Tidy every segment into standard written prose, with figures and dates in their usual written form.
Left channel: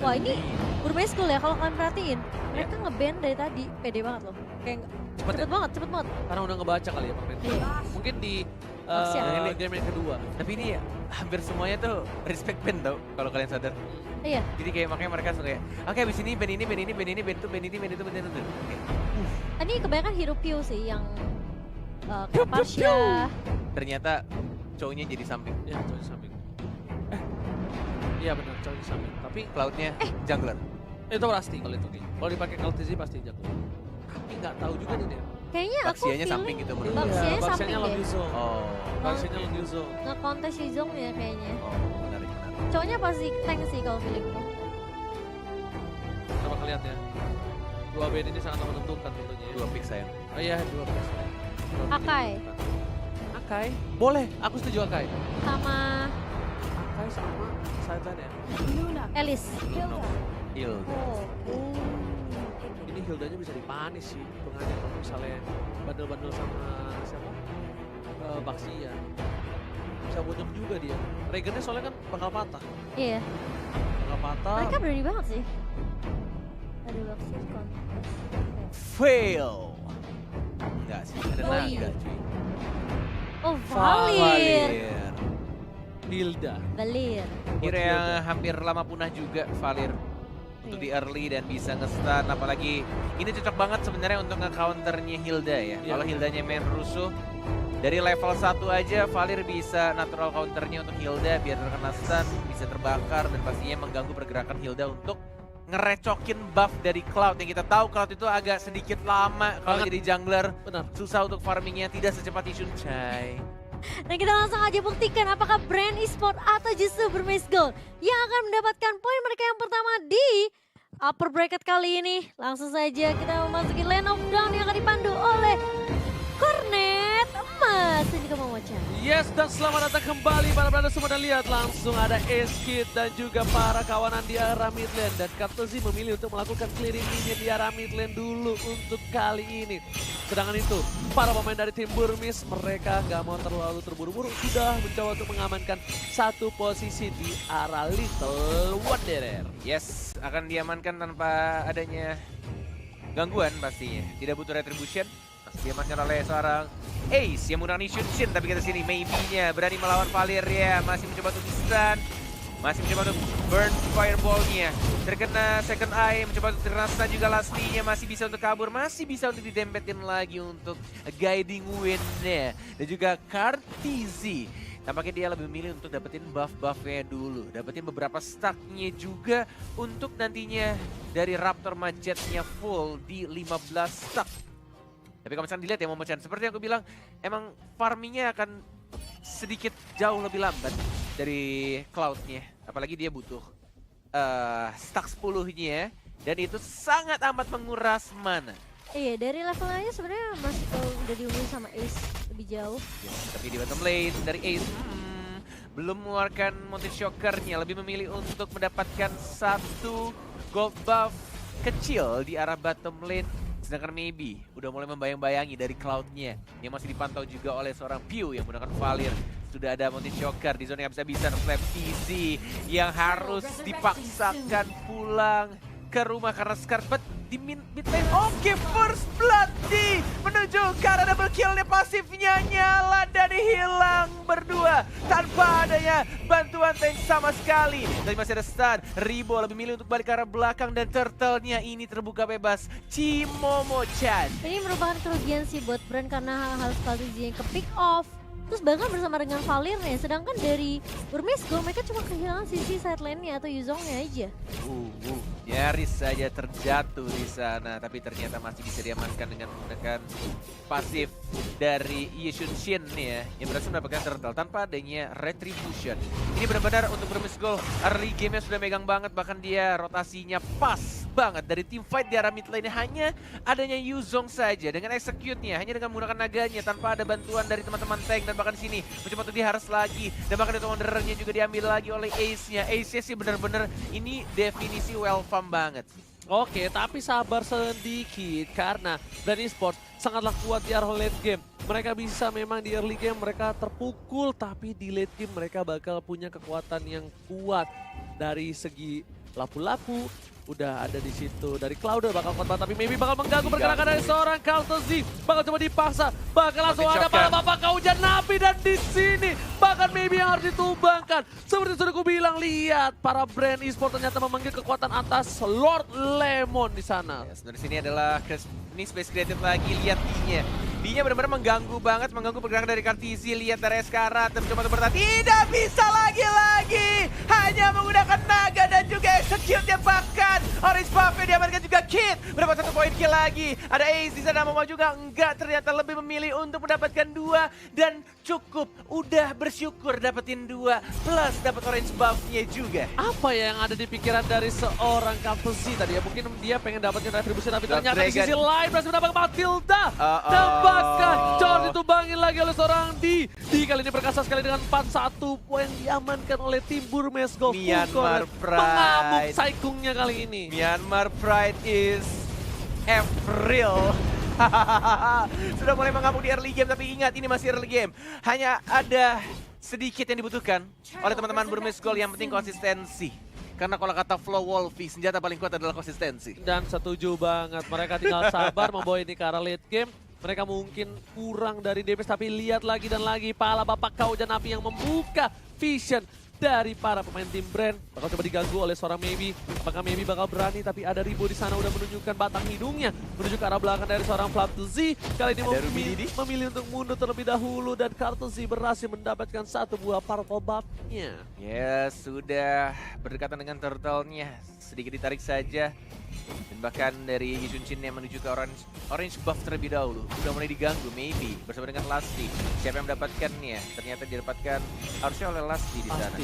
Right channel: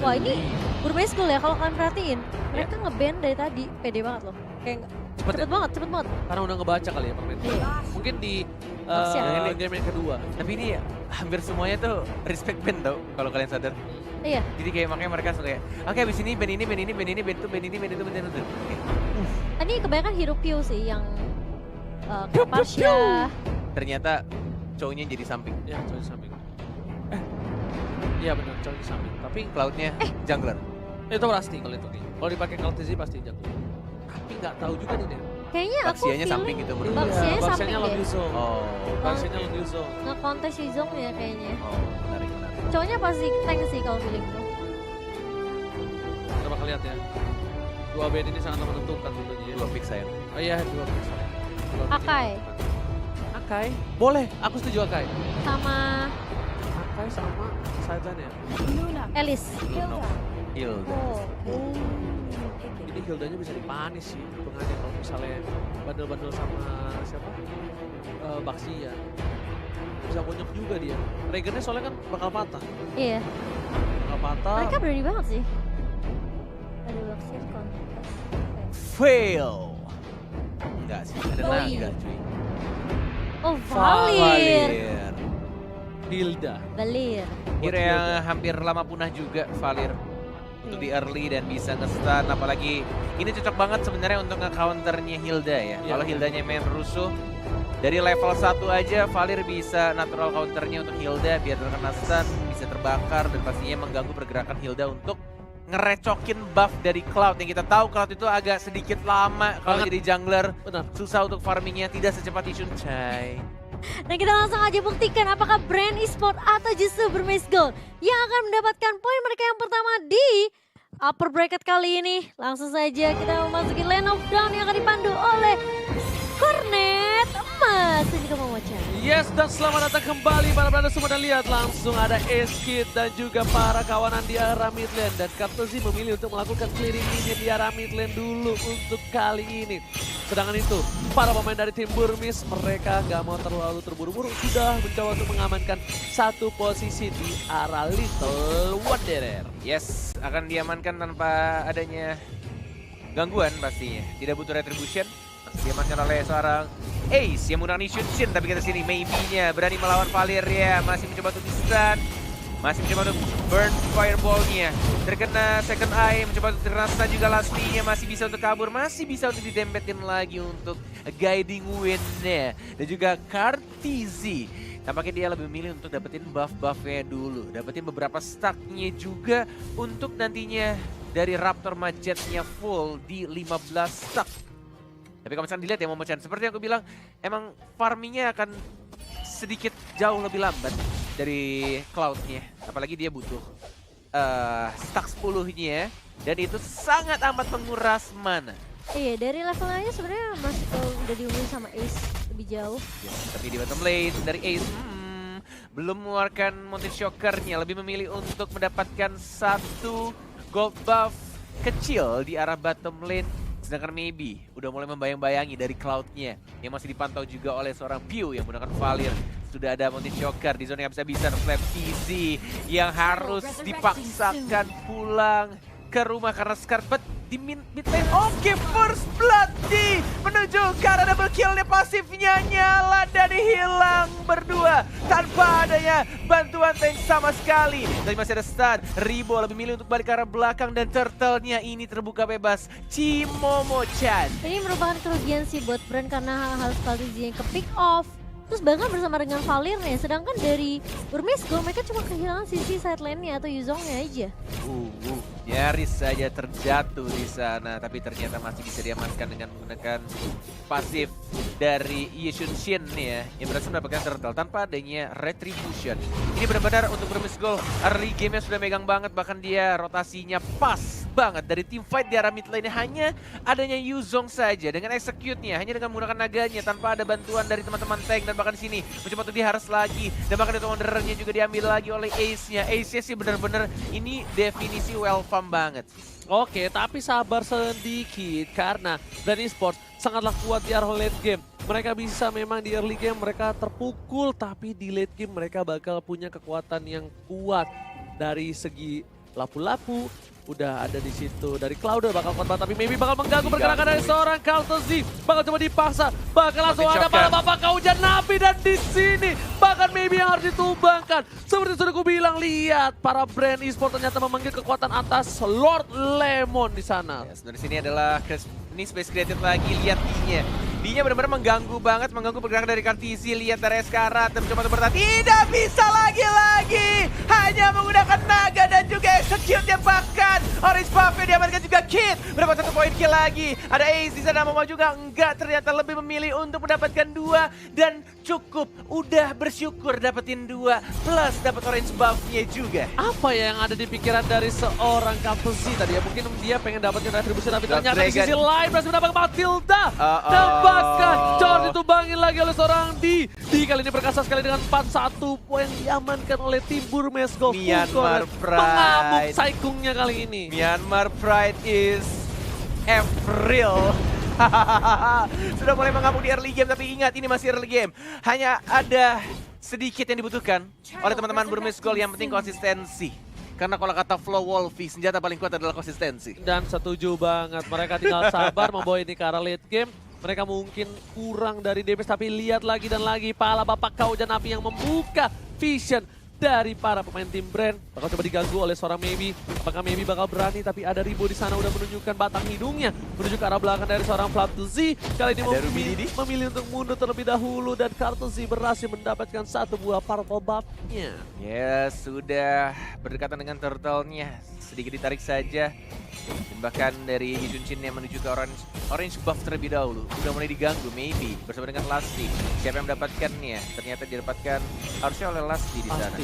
Wah ini Burmese School ya, kalau kalian perhatiin. Mereka nge-ban dari tadi, pede banget loh. Kayak cepet banget. Karena udah ngebaca kali ya permainan. Iya. Mungkin di Maksiat. game yang kedua. Tapi ini hampir semuanya tuh respect band tau, kalau kalian sadar. Iya. Jadi kayak makanya mereka suka kayak, oke abis ini band ini, band ini, band ini, band itu, band ini, band itu, band itu. Ini kebanyakan hero Q sih yang Kapasya. Ternyata cowoknya jadi samping. Ya, cowok di samping. Iya benar, cowok di samping. Tapi Cloudnya jungler. itu pasti kalau itu nih. Kalau dipakai Cloud TZ pasti jago. Tapi nggak tahu juga nih Nen. Kayaknya aku Baksianya samping feeling gitu menurut Baksianya gue. samping Baksianya deh. lebih zone. Oh, Baksianya lebih zone. Nge-kontes si Zong ya kayaknya. oh menarik. Cowoknya pasti tank sih kalau feelingku. Kita bakal lihat ya. Dua band ini sangat menentukan tentunya. Ya. Dua pick sayang. Oh iya, dua pick saya. Dua pick Akai. yang menentukan. Akai? Boleh, aku setuju Akai. Sama Akai sama sideline ya. Elis. Hilda. Oh. Ini Hildanya bisa dipanis sih hitungannya kalau misalnya bandel-bandel sama siapa? Baksia. Bisa bonyok juga dia. Regennya soalnya kan bakal patah. Iya. Bakal patah. Mereka berani banget sih. Ada Baksianya kontes. Fail. Enggak sih, ada Oh, naga iya. cuy. Oh Valir. Hilda. Valir. Hero yang hampir lama punah juga Valir. Untuk di early dan bisa nge-stun, apalagi ini cocok banget sebenarnya untuk nge-counternya Hilda ya. Iya. Kalau Hildanya main rusuh, dari level 1 aja Valir bisa natural counternya untuk Hilda biar terkena stun, bisa terbakar dan pastinya mengganggu pergerakan Hilda untuk ngerecokin buff dari Cloud. Yang kita tahu Cloud itu agak sedikit lama kalau jadi jungler. Benar. Susah untuk farmingnya, tidak secepat Yishun Chai. Dan kita langsung aja buktikan apakah brand e-sport atau justru Burmese Gold yang akan mendapatkan poin mereka yang pertama di upper bracket kali ini. Langsung saja kita memasuki lane of down yang akan dipandu oleh Cornet Emas. Ini kamu Mocha. Yes, dan selamat datang kembali para brother semua, dan lihat langsung ada Eskid dan juga para kawanan di arah mid lane, dan Kartozi memilih untuk melakukan clearing minion di arah mid lane dulu untuk kali ini. Sedangkan itu para pemain dari tim Burmese mereka nggak mau terlalu terburu-buru, sudah mencoba untuk mengamankan satu posisi di arah Little Wanderer. Yes, akan diamankan tanpa adanya gangguan pastinya. Tidak butuh retribution. Masih diamankan oleh seorang Ace yang menggunakan Yishun Shin. Tapi kita sini maybe-nya berani melawan Valir ya. Masih mencoba untuk stun. Masih mencoba untuk burn fireball-nya. Terkena second eye, mencoba untuk terkena stun juga last-nya. Masih bisa untuk kabur, masih bisa untuk didempetin lagi untuk guiding win-nya. Dan juga Kartizi. Tampaknya dia lebih memilih untuk dapetin buff-buffnya dulu. Dapetin beberapa stack-nya juga untuk nantinya dari Raptor Majetnya full di 15 stack. Tapi kalau misalnya dilihat ya Momo-chan, seperti yang aku bilang, emang farmingnya akan sedikit jauh lebih lambat dari Cloud-nya. Apalagi dia butuh stack 10-nya dan itu sangat amat menguras mana. Iya, dari levelnya sebenarnya masih udah diunggul sama Ace lebih jauh. Ya, tapi di bottom lane dari Ace belum mengeluarkan Mountain Shocker-nya, lebih memilih untuk mendapatkan satu gold buff kecil di arah bottom lane. Sedangkan maybe udah mulai membayang-bayangi dari Cloud-nya yang masih dipantau juga oleh seorang Pew yang menggunakan Valir. Sudah ada Mountain Shocker di zona yang bisa Flap TZ yang harus dipaksakan pulang ke rumah karena Scarlet di mid lane. Oke, first blood di menuju ke arah double kill-nya, pasifnya nyala dan hilang berdua tanpa adanya bantuan tank sama sekali. Dan masih ada stun, Ribo lebih milih untuk balik ke arah belakang dan turtle-nya ini terbuka bebas. Cimomo-chan. Ini merupakan kerugian sih buat brand karena hal-hal seperti yang ke pick off. Terus bahkan bersama dengan Valirnya, sedangkan dari Burmese Gold mereka cuma kehilangan sisi side lane-nya atau Yuzongnya aja. Nyaris saja terjatuh di sana, tapi ternyata masih bisa diamankan dengan menggunakan pasif dari Yishun Shin nih ya, yang berhasil mendapatkan turtle tanpa adanya retribution. Ini benar-benar untuk Burmese Gold, early game-nya sudah megang banget, bahkan dia rotasinya pas banget dari tim fight di arah mid lane. Hanya adanya Yuzong saja dengan execute-nya, hanya dengan menggunakan naganya tanpa ada bantuan dari teman-teman tank. Dan bahkan di sini mencoba untuk diharas lagi, dan bahkan itu Wanderer-nya juga diambil lagi oleh Ace-nya. Ace-nya sih benar-benar ini definisi well farm banget. Oke, tapi sabar sedikit karena Brand Esports sangatlah kuat di arah late game. Mereka bisa memang di early game mereka terpukul, tapi di late game mereka bakal punya kekuatan yang kuat dari segi lapu-lapu udah ada di situ. Dari Cloud bakal korban tapi maybe bakal mengganggu pergerakan dari seorang Kaltezi. Bakal coba dipaksa, bakal langsung ada para bapak kaujan napi dan di sini bahkan maybe yang harus ditumbangkan. Seperti sudah aku bilang, lihat para brand e-sport ternyata memanggil kekuatan atas Lord Lemon di sana. Yes, dari sini adalah ini space created lagi, lihat D-nya. D-nya benar-benar mengganggu banget, mengganggu pergerakan dari Kartisi. Lihat dari Eskara, mencoba untuk bertahan. Tidak bisa lagi-lagi. Hanya menggunakan naga dan juga execute yang bahkan. Orange Buffet diamankan juga Kid. Berapa satu poin kill lagi. Ada Ace di sana, mau juga enggak. Ternyata lebih memilih untuk mendapatkan 2. Dan cukup, udah bersyukur dapetin 2. Plus dapat Orange Buff-nya juga. Apa ya yang ada di pikiran dari seorang Kaltezi tadi ya? Mungkin dia pengen dapetin retribusi tapi ternyata di sisi lain berhasil mendapatkan Matilda. Dan bahkan George ditumbangin lagi oleh seorang D kali ini perkasa sekali dengan 4-1 poin diamankan oleh tim Burmesco. Myanmar Pride. Mengamuk saikungnya kali ini. Myanmar Pride is April. Sudah mulai mengamuk di early game, tapi ingat ini masih early game. Hanya ada sedikit yang dibutuhkan oleh teman-teman Burmesco, yang penting konsistensi. Karena kalau kata Flow Wolfie, senjata paling kuat adalah konsistensi. Dan setuju banget, mereka tinggal sabar membawa ini ke arah late game. Mereka mungkin kurang dari damage, tapi lihat lagi dan lagi pala bapak kaujan api yang membuka vision dari para pemain tim Brand. Bakal coba diganggu oleh seorang Maybe. Apakah Maybe bakal berani? Tapi ada Ribo di sana udah menunjukkan batang hidungnya menuju ke arah belakang dari seorang Flatzy. Kali ini memilih untuk mundur terlebih dahulu dan Kartezi berhasil mendapatkan 1 buah purple buff-nya. Ya, sudah berdekatan dengan turtle-nya. Sedikit ditarik saja. Dan bahkan dari Yujunchin yang menuju ke orange buff terlebih dahulu. Sudah mulai diganggu, Maybe bersama dengan Lasti. Siapa yang mendapatkannya? Ternyata didapatkan harusnya oleh Lasti di sana.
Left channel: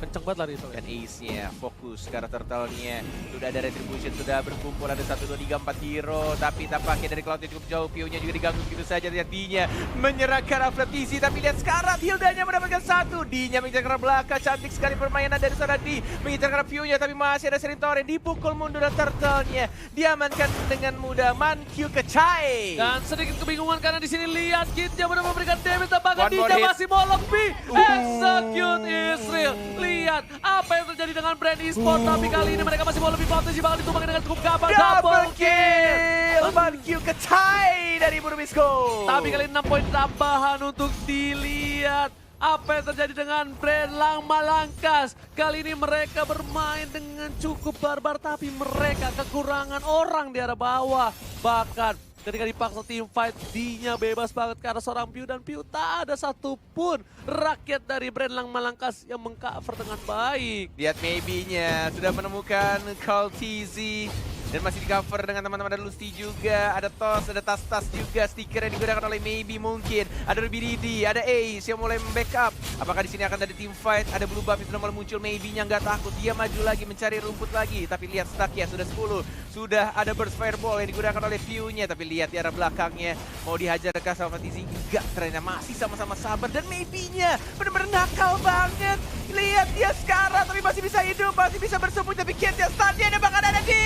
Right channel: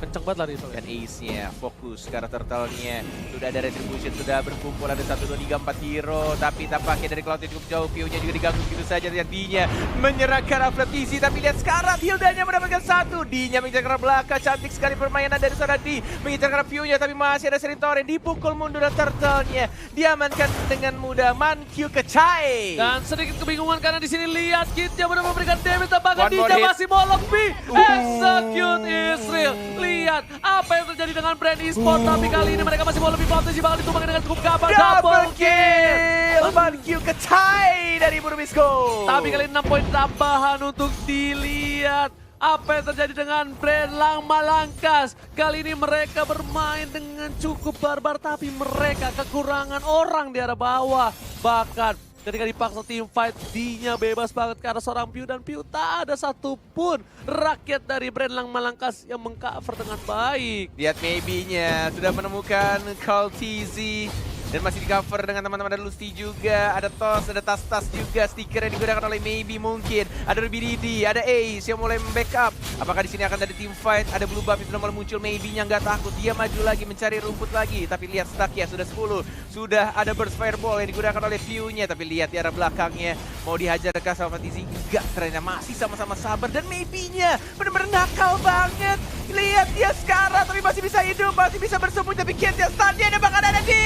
Kenceng banget lari itu. Dan Ace-nya fokus ke arah turtle-nya. Sudah ada retribution, sudah berkumpul ada 1, 2, 3, 4 hero. Tapi tampaknya dari Cloud cukup jauh. Pio-nya juga diganggu begitu saja. Lihat D-nya menyerahkan Aflatisi. Tapi lihat sekarang Hilda-nya mendapatkan 1. D-nya mengincar ke arah belakang. Cantik sekali permainan dari sana D. Mengincar ke arah Pio-nya tapi masih ada Serintore. Dipukul mundur dan turtle-nya diamankan dengan mudah. Mankyu Kecai. Dan sedikit kebingungan karena di sini lihat Kid-nya benar memberikan damage. Bahkan D-nya masih mau lebih. Execute Israel. Lihat apa yang terjadi dengan Brand Esport, tapi kali ini mereka masih mau lebih potensi, bakal ditumbangkan dengan cukup gampang. Double kill Mankyu Kecai dari Burmesco. Tapi kali ini 6 poin tambahan untuk dilihat. Apa yang terjadi dengan Brand Lang Malangkas. Kali ini mereka bermain dengan cukup barbar, tapi mereka kekurangan orang di arah bawah. Bahkan ketika dipaksa tim fight, D-nya bebas banget ke arah seorang Piu. Dan Piu tak ada satupun rakyat dari Brand Lang Malangkas yang mengcover dengan baik. Lihat Maybe-nya sudah menemukan Kaltezi. Dan masih di cover dengan teman-teman, ada Lusty juga, ada Tos, ada tas-tas juga, stiker yang digunakan oleh Maybe mungkin. Ada Ruby Didi, ada Ace yang mulai membackup. Apakah di sini akan ada team fight, ada blue buff yang sudah mulai muncul, Maybe-nya nggak takut. Dia maju lagi mencari rumput lagi, tapi lihat stack ya sudah 10. Sudah ada burst fireball yang digunakan oleh Piu-nya, tapi lihat di arah belakangnya. Mau dihajar ke sama Fatizi? Enggak, ternyata masih sama-sama sabar. Dan Maybe-nya benar-benar nakal banget. Lihat dia sekarang, tapi masih bisa hidup, masih bisa bersembunyi. Tapi Kid-nya stun-nya dan bahkan ada di...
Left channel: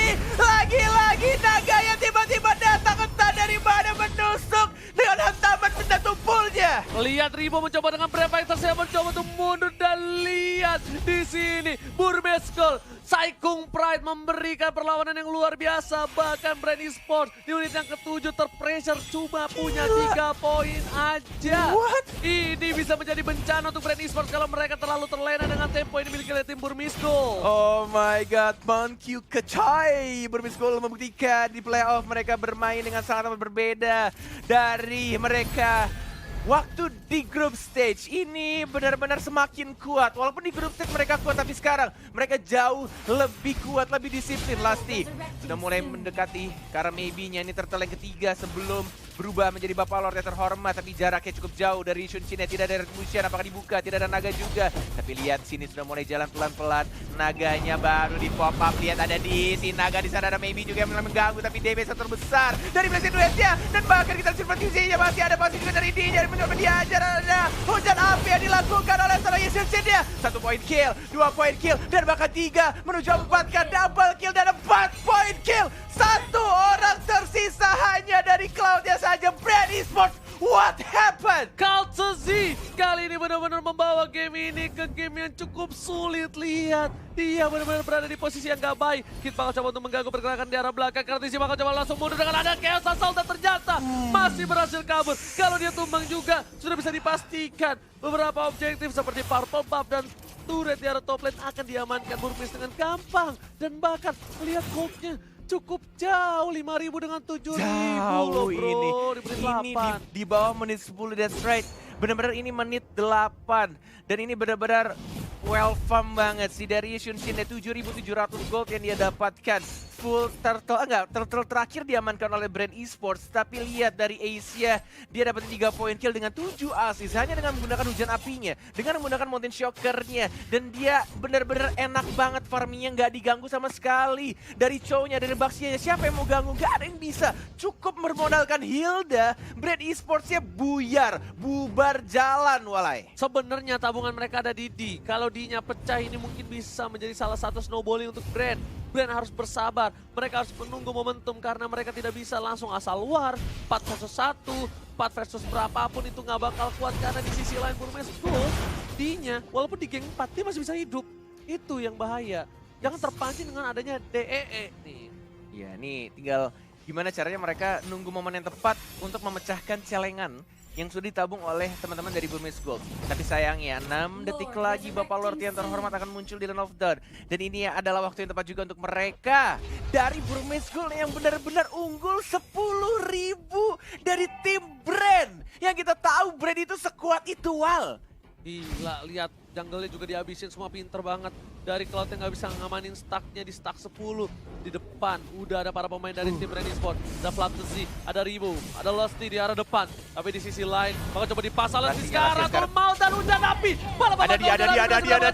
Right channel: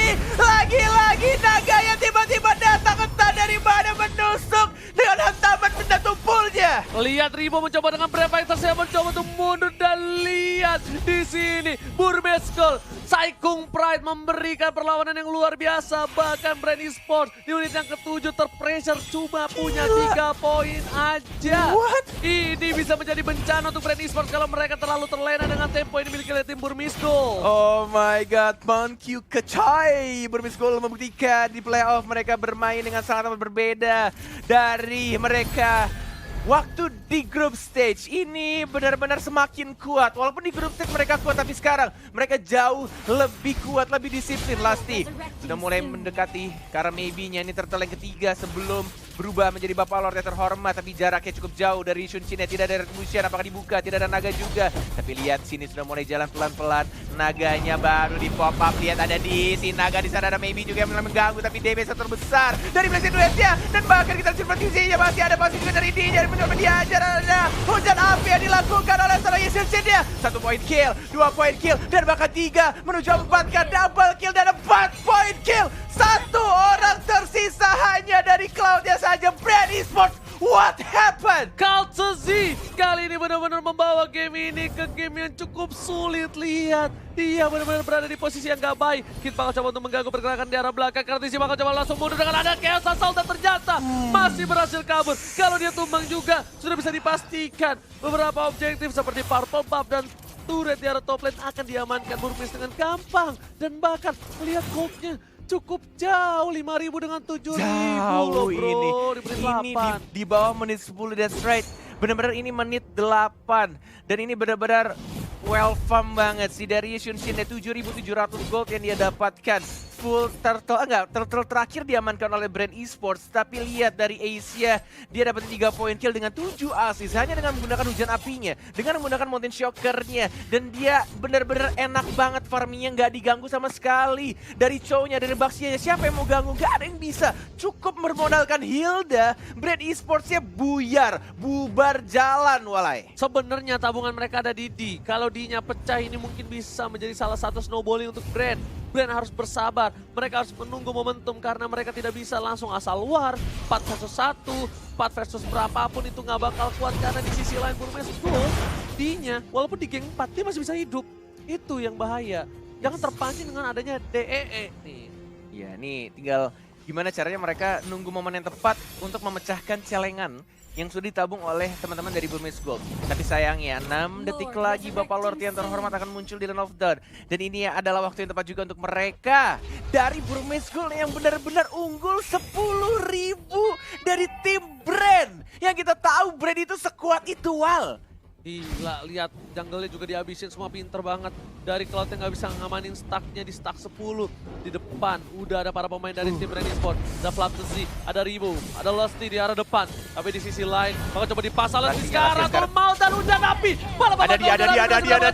Lagi-lagi naga yang tiba-tiba datang entah dari mana menusuk dengan hantaman benda tumpulnya. Lihat Ribo mencoba dengan Brave Fighters yang mencoba untuk mundur dan lihat di sini Burmesco Saikung Pride memberikan perlawanan yang luar biasa. Bahkan Brand Esports di unit yang ke-7 terpressure cuma punya 3 poin aja. Ini bisa menjadi bencana untuk Brand Esports kalau mereka terlalu terlena dengan tempo yang dimiliki oleh tim Burmesco. Oh my god, Mankyu Kecai. Burmesco membuktikan di playoff mereka bermain dengan sangat berbeda dari mereka waktu di group stage. Ini benar-benar semakin kuat. Walaupun di group stage mereka kuat, tapi sekarang mereka jauh lebih kuat, lebih disiplin. Lasti sudah mulai mendekati karena Maybe-nya ini turtle yang ketiga sebelum berubah menjadi Bapak Lord yang terhormat. Tapi jaraknya cukup jauh dari Yujunchin. Tidak ada retribution, apakah dibuka? Tidak ada naga juga. Tapi lihat sini sudah mulai jalan pelan-pelan. Naganya baru di pop up. Lihat ada di sini naga, di sana ada Maybe juga yang mengganggu. Tapi damage terbesar dari Blazing Duet-nya. Dan bahkan kita lihat posisinya masih ada pasti juga dari D. Mencoba diajar, ada hujan api yang dilakukan oleh seorang Yujunchin-nya. 1 point kill, 2 point kill, dan bahkan 3 menuju 4 ke double kill dan 4 point kill. 1 orang tersisa hanya dari Cloud-nya saja. Brand Esports What happened? Culture Z kali ini benar-benar membawa game ini ke game yang cukup sulit. Lihat, dia benar-benar berada di posisi yang gak baik. Kid bakal coba untuk mengganggu pergerakan di arah belakang. Kartisi bakal coba langsung mundur dengan ada Chaos Assault dan ternyata masih berhasil kabur. Kalau dia tumbang juga sudah bisa dipastikan beberapa objektif seperti Purple Buff dan turret di arah top lane akan diamankan Burmese dengan gampang. Dan bahkan lihat goldnya cukup jauh, 5.000 dengan 7.000 loh bro, ini di bawah menit 10, that's right. Benar-benar ini menit 8 dan ini benar-benar well farm banget si Darius Yunshin, 7.700 gold yang dia dapatkan. Full turtle terakhir diamankan oleh Brand Esports, tapi lihat dari Asia dia dapat 3 poin kill dengan 7 assist hanya dengan menggunakan hujan apinya, dengan menggunakan mountain shockernya, dan dia benar-benar enak banget farmingnya, nggak diganggu sama sekali dari cownya, dari Baxianya. Siapa yang mau ganggu? Gak ada yang bisa. Cukup bermodalkan Hilda, Brand Esportsnya buyar, bubar jalan walai. Sebenarnya tabungan mereka ada di D. Kalau D-nya pecah ini mungkin bisa menjadi salah satu snowballing untuk Brand. Brand harus bersabar, mereka harus menunggu momentum karena mereka tidak bisa langsung asal war. 4 versus 1, 4 versus berapapun itu nggak bakal kuat karena di sisi lain Burmese Gold, D-nya walaupun di geng 4 dia masih bisa hidup. Itu yang bahaya. Jangan terpancing dengan adanya DEE nih. Ya nih tinggal gimana caranya mereka nunggu momen yang tepat untuk memecahkan celengan yang sudah ditabung oleh teman-teman dari Burmese Gold. Tapi sayangnya 6 detik lagi Bapak Lord yang terhormat akan muncul di Land of Dawn. Dan ini adalah waktu yang tepat juga untuk mereka dari Burmese Gold yang benar-benar unggul 10.000 dari tim Brand. Yang kita tahu Brand itu sekuat itu Wal. Gila, lihat jungle-nya juga dihabisin, semua pinter banget. Dari Cloud yang gak bisa ngamanin stacknya di stack 10. Di depan udah ada para pemain dari tim Brand Esports. Ada Flapsy, ada Rivo, ada Lusty di arah depan. Tapi di sisi lain, bakal coba dipasang lagi sekarang. Mau dan hujan api. Malah ada dia.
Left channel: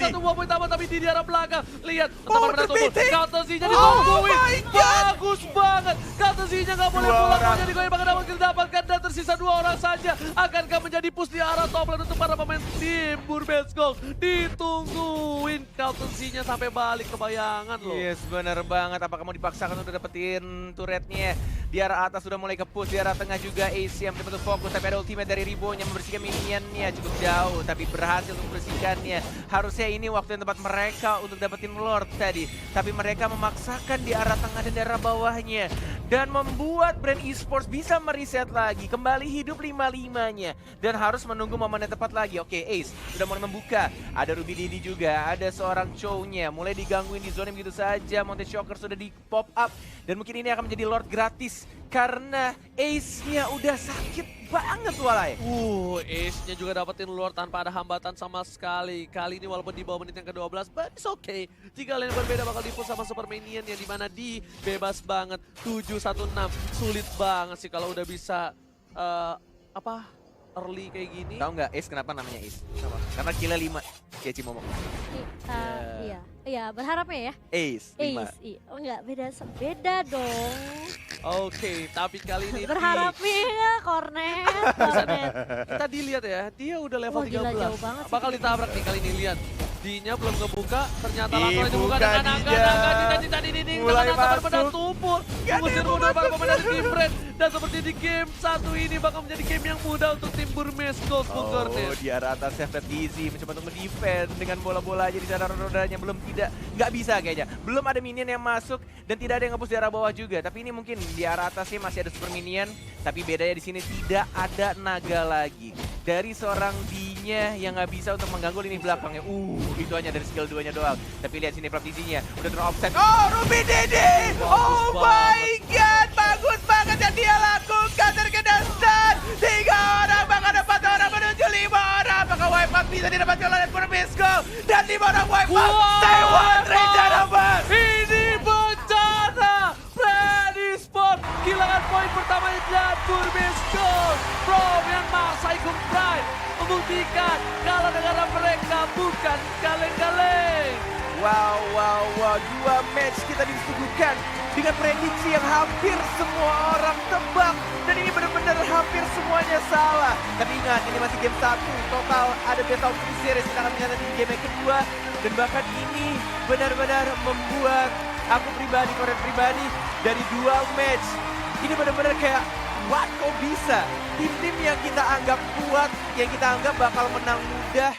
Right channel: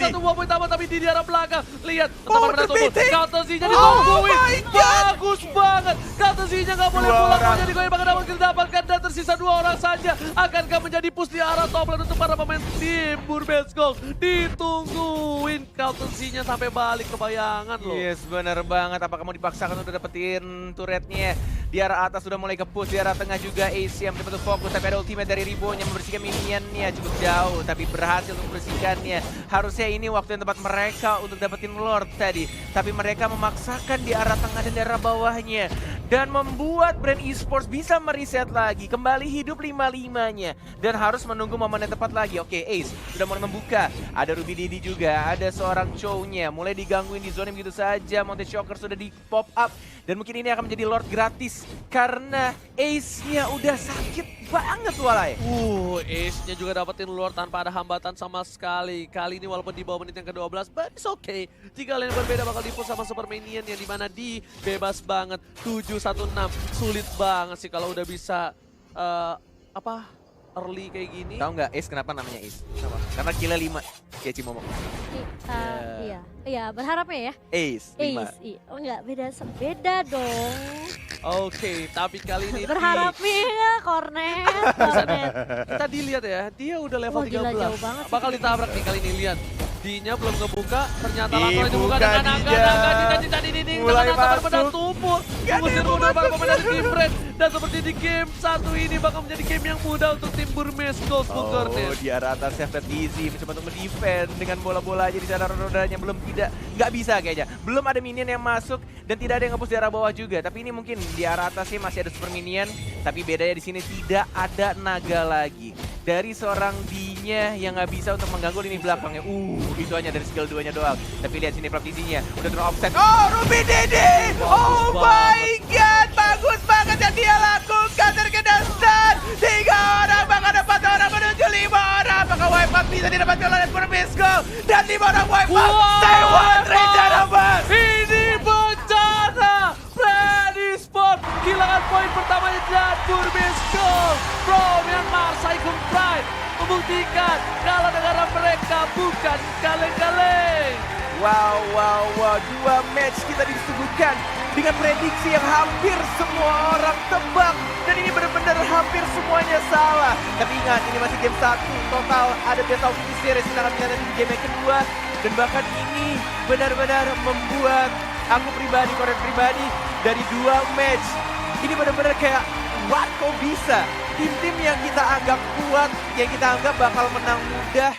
Satu buah poin tambah tapi di arah belakang. Lihat, teman-teman tubuh. Counter Z-nya ditungguin. Bagus banget. Counter Z-nya gak boleh pulang. Mau jadi goyang bakal dapatkan dan tersisa 2 orang saja. Akankah menjadi push di arah top lane untuk para pemain tim Burmese Gold? Ditungguin Counter Z-nya sampai balik ke bayangan loh. Yes, benar banget. Apakah mau dipaksakan untuk dapetin turretnya? Di arah atas sudah mulai ke push, di arah tengah juga AC yang betul-betul fokus. Tapi ada ultimate dari Ribo yang membersihkan minionnya cukup jauh, tapi berhasil untuk membersihkannya. Harusnya ini waktu yang tepat mereka untuk dapetin Lord tadi. Tapi mereka memaksakan di arah tengah dan di arah bawahnya. Dan membuat Brand Esports bisa mereset lagi, kembali hidup 5-5-nya. Dan harus menunggu momen yang tepat lagi. Oke, Ace sudah mulai membuka. Ada Ruby Didi juga, ada seorang Chow-nya. Mulai digangguin di zona begitu saja. Mountain Shocker sudah di pop up. Dan mungkin ini akan menjadi Lord gratis. Karena Ace-nya udah sakit banget walai. Ace-nya juga dapetin Lord tanpa ada hambatan sama sekali. Kali ini walaupun di bawah menit yang ke-12, but it's okay. 3 lane berbeda bakal di-push sama Super Minion yang dimana di bebas banget. 7-1-6, sulit banget sih kalau udah bisa early kayak gini. Tahu nggak Ace kenapa namanya Ace? Karena kila 5. Kayak Cimomo. Iya, berharapnya ya. Ace 5. Iya. Oh enggak, beda dong. Oke, tapi kali ini Berharapnya ya, Cornet. kita dilihat ya, dia udah level Wah, gila, 13. jauh banget sih. Bakal ditabrak nih kali ini, lihat. D-nya belum ngebuka, ternyata langsung aja Dibuka buka dengan dia. cita dinding. Mulai benar masuk. tumpul. Mengusir mundur para pemain dari tim Brand. Dan seperti di game 1 ini bakal menjadi game yang mudah untuk tim Burmese Gold. Di arah atasnya Fat Easy mencoba untuk mendefend dengan bola-bola aja di sana rodanya belum nggak bisa kayaknya. Belum ada minion yang masuk dan tidak ada yang nge-push di arah bawah juga. Tapi ini mungkin di arah atasnya masih ada super minion, tapi bedanya di sini tidak ada naga lagi. Dari seorang D-nya yang nggak bisa untuk mengganggu lini belakangnya. Itu hanya dari skill 2-nya doang. Tapi lihat sini Pravisinya udah turun offset. Ruby Didi! Oh my god, bagus banget yang dia lakukan. Terkena stun. 3 orang, bahkan 4 orang menuju 5 orang. Apakah wipe-up bisa didapatkan oleh Burmese Gold? Dan 5 orang wipe-up. Stay one, rencana bang. Ini bencana. Brand Esports kehilangan poin pertamanya dan Burmese Gold. From yang Marsai Kung Pride membuktikan kalau negara mereka bukan kaleng-kaleng. Wow. 2 match kita disuguhkan dengan prediksi yang hampir semua orang tebak. Dan ini benar-benar hampir semuanya salah. Tapi ingat, ini masih game 1. Total ada best of 3 series. Kita akan menghadapi di game yang kedua. Dan bahkan ini benar-benar membuat aku pribadi, Koret pribadi, dari 2 match. Ini benar-benar kayak, what kok bisa? tim-tim yang kita anggap kuat, yang kita anggap bakal menang mudah,